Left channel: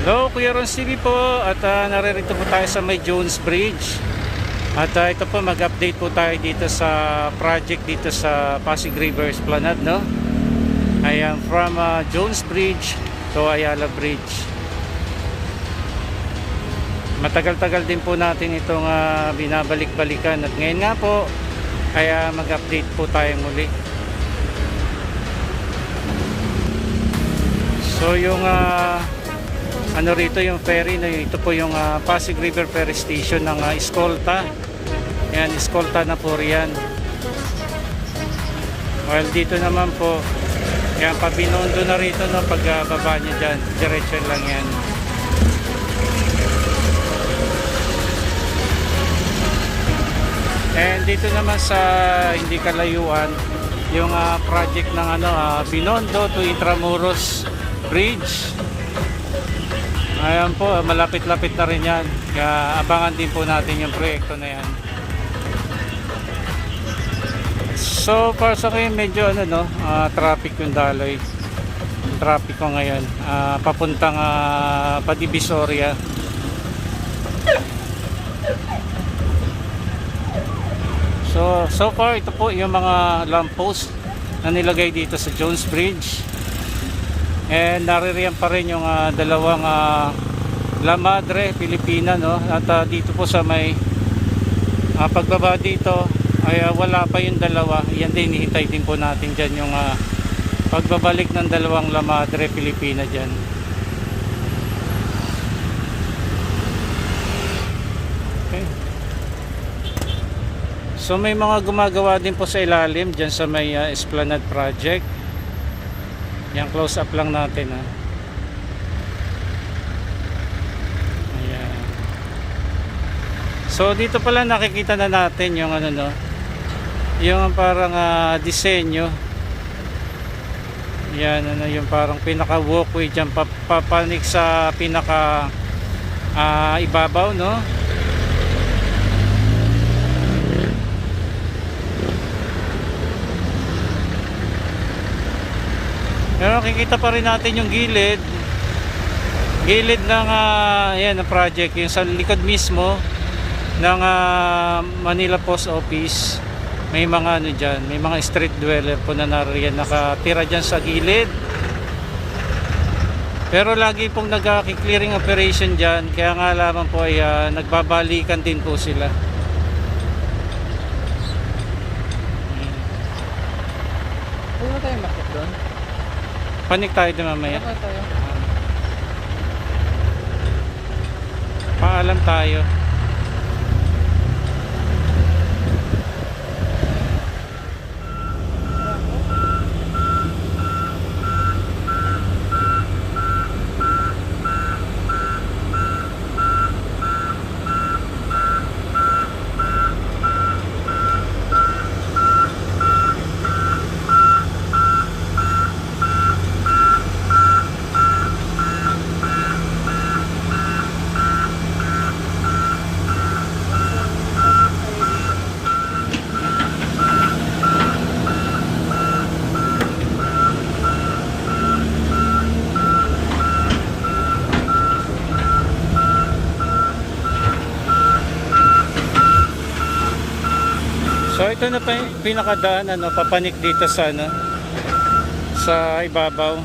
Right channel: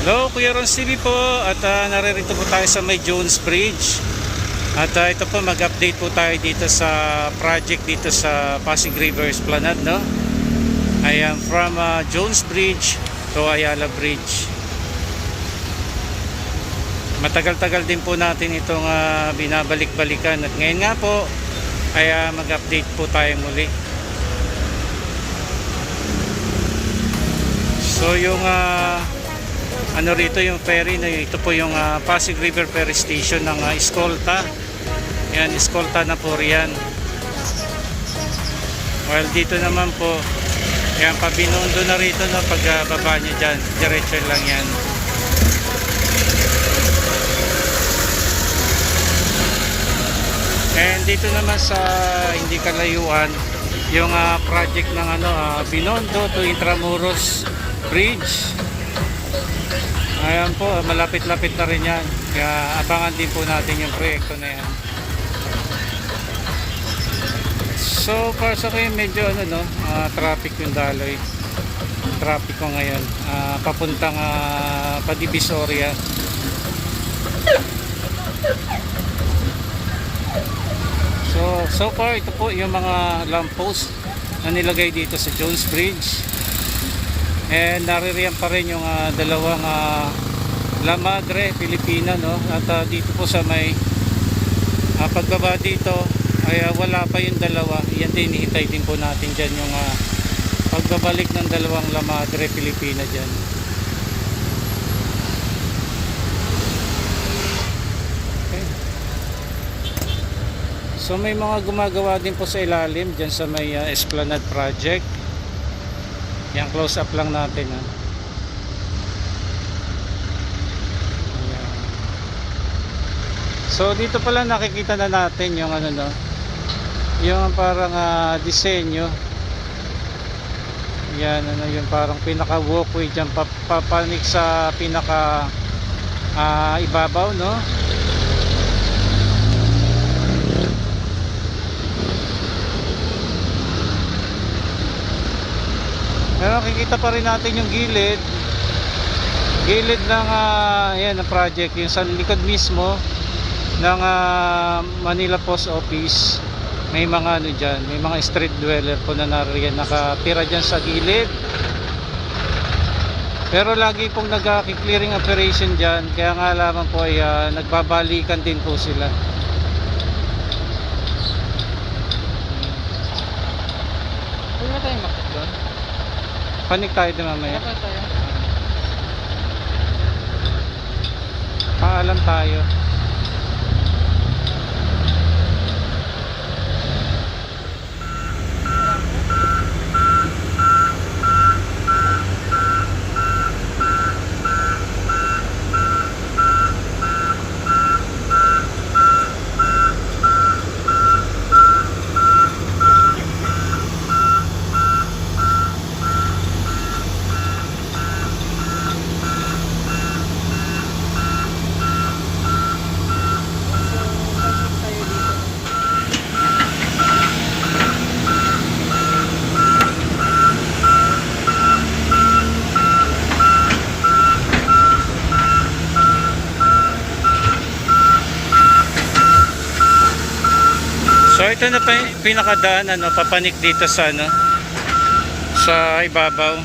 Hello, Kuya Ron TV po at naririto po tayo sa may Jones Bridge. At ito po, mag-update po tayo dito sa project dito sa Pasig River Esplanade, no? I am from Jones Bridge to Ayala Bridge. Matagal-tagal din po natin itong binabalik-balikan at ngayon nga po ay mag-update po tayo muli. So yung ano rito yung ferry na ito po yung Pasig River Ferry Station ng Escolta. Yan, Escolta na po riyan. While dito naman po yan, Pabinondo na rito na pagbaba nyo dyan, diretso lang yan. And dito naman sa hindi kalayuan yung project ng Binondo to Intramuros Bridge. Ayan po, malapit-lapit na rin yan. Kaya abangan din po natin yung proyekto na yan. So para sa akin medyo traffic yung daloy. Traffic ko ngayon papuntang Padivisoria. So far ito po yung mga lamppost na nilagay dito sa Jones Bridge. And naririyan pa rin yung dalawang La Madre Pilipina, no? At dito po sa may pagbaba dito ay wala pa yung dalawa. Yan din, ihintay din po natin dyan yung pagbabalik ng dalawang La Madre Pilipina dyan. Okay. So may mga gumagawa din po sa ilalim dyan sa may Esplanade Project. Yan, close up lang natin Ayan. So dito pala nakikita na natin yung yung parang disenyo. Yan, yung parang pinaka walkway dyan papanik sa pinaka ibabaw, no? Pero nakikita pa rin natin yung gilid ng ayan, ang project, yung sa likod mismo ng Manila Post Office. May mga dyan, may mga street dweller po na nariyan nakatira dyan sa gilid. Pero lagi pong nag-clearing operation dyan, kaya nga lamang po ay nagbabalikan din po sila. Pwede ba tayong makit doon? Panik tayo din mamaya. Dapat tayo. Paalam tayo. So ito na pa yung pinakadaan papanik dito sa sa ibabaw.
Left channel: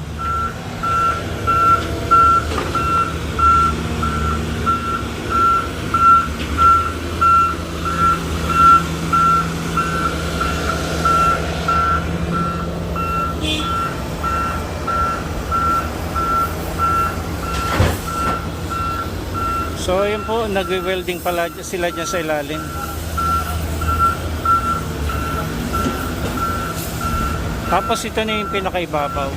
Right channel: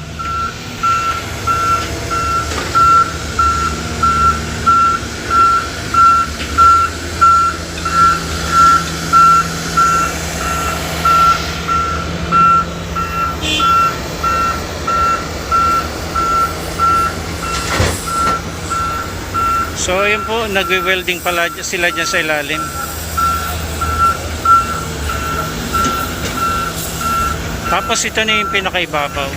So yun po, nagwe-welding pala sila dyan sa ilalim. Tapos ito na yung pinakaibabaw.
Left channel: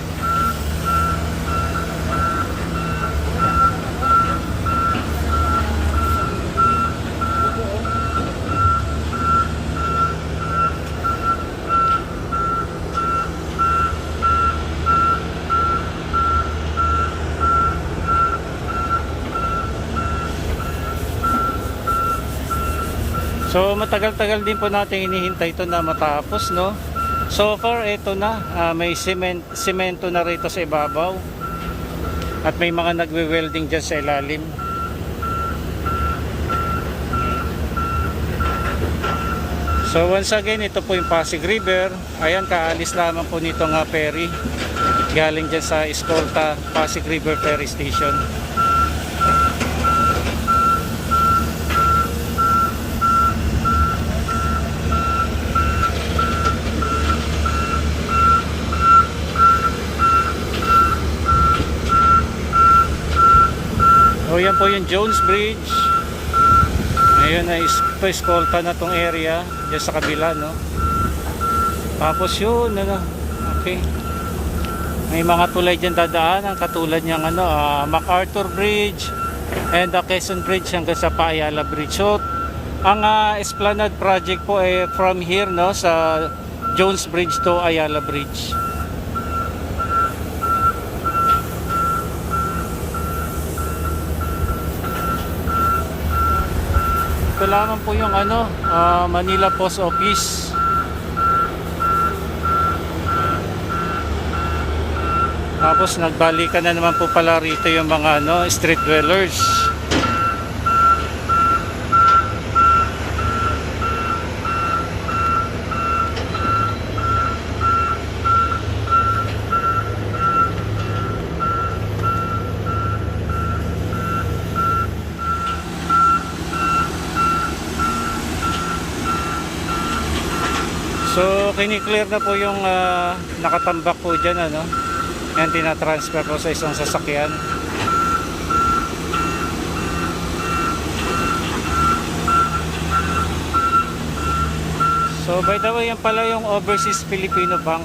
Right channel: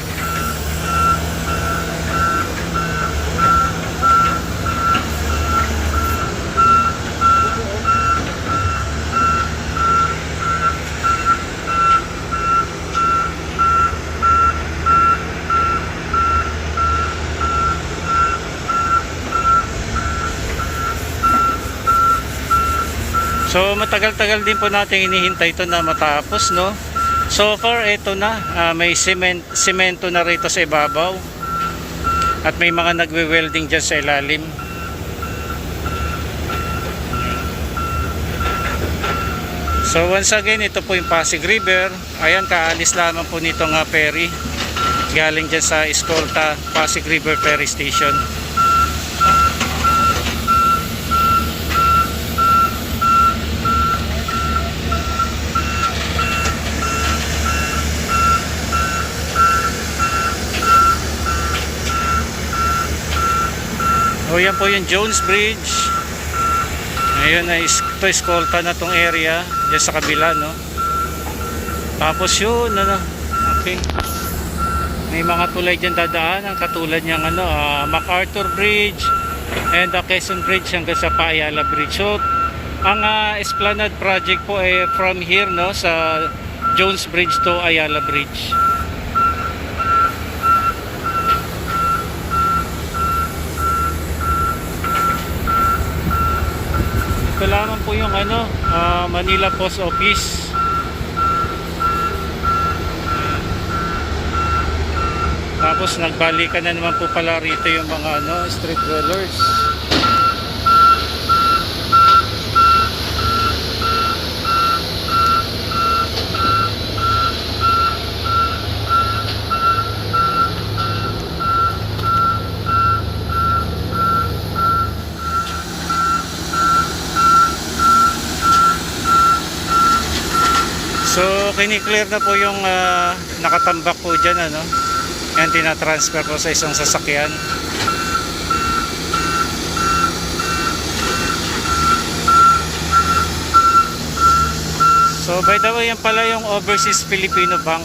So matagal-tagal din po natin hinihintay ito na matapos, no? So far ito na, may semento na rito sa ibabaw. At may mga nagwe-welding dyan sa ilalim. So once again, ito po yung Pasig River. Ayan, kaalis lamang po nitong ferry galing dyan sa Escolta Pasig River Ferry Station. O yan po yung Jones Bridge. Ayun na, ito Escolta na tong area dyan sa kabila, no? Tapos yun, ano, okay, may mga tulay dyan dadaanan katulad niyang MacArthur Bridge and the Quezon Bridge hanggang sa Ayala Bridge. So ang Esplanade project po ay from here, no, sa Jones Bridge to Ayala Bridge. Ito lamang po yung Manila Post Office. Tapos nagbalikan na naman po pala rito yung mga street dwellers. So kiniklear na po yung nakatambak po dyan, yan, tinatransfer po sa isang sasakyan. So by the way, yan pala yung Overseas Filipino Bank.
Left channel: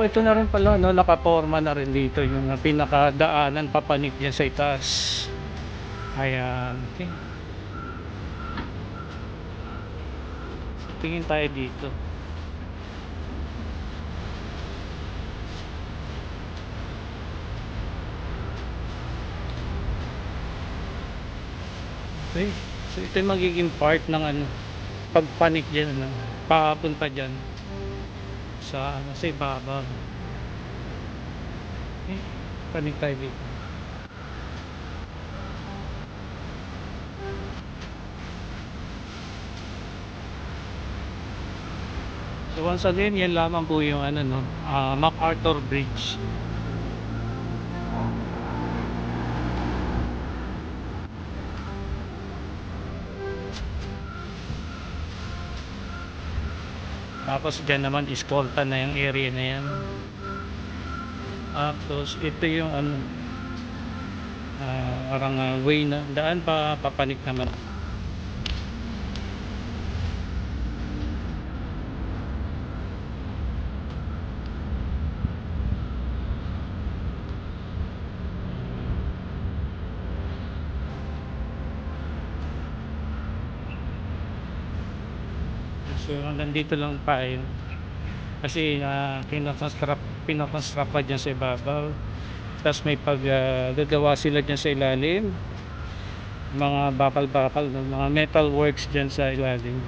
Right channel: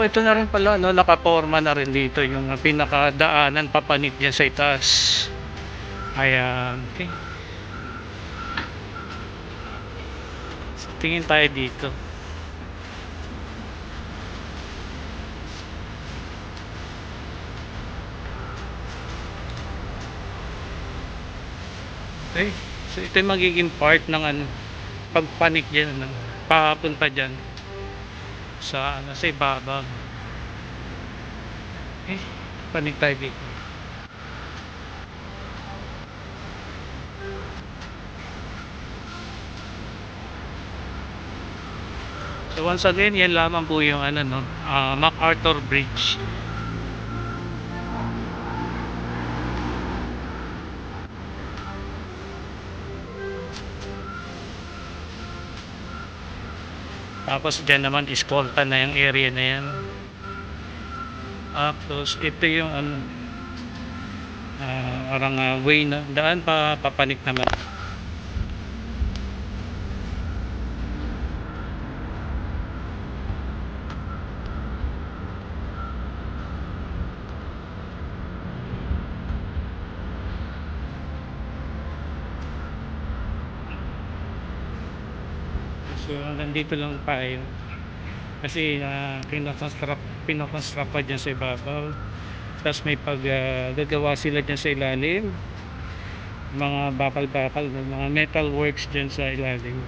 Oh, ito na rin pala, nakaporma na rin dito yung pinakadaanan papanik dyan sa itaas. Ayan, okay. So, tingin tayo dito. Okay, so ito yung magiging part ng pagpanik dyan, papunta dyan sa sa ibabaw. Okay, panik tayo dito. So once again, yan lamang po yung MacArthur Bridge. Tapos dyan naman Escolta na yung area na yan. Tapos ito yung parang way na daan papanik naman. So hanggang dito lang pa yun. Kasi pinakonstruct pa dyan sa ibabaw. Tapos may gagawa sila dyan sa ilalim. Mga bakal-bakal, mga metal works dyan sa ilalim.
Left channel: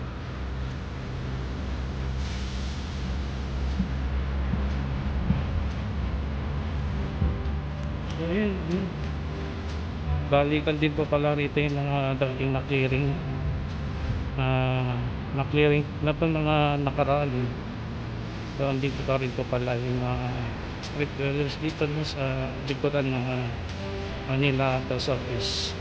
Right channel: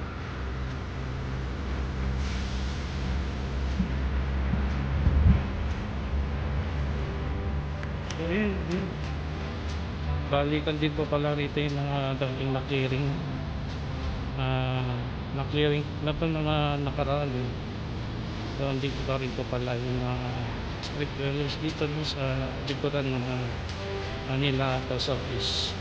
So yun. Balikan din po pala rito yung dating na-clearing. Na-clearing na itong mga nakaraan. So andito pa rin po pala yung street dwellers dito no, sa likuran ng Manila House Office.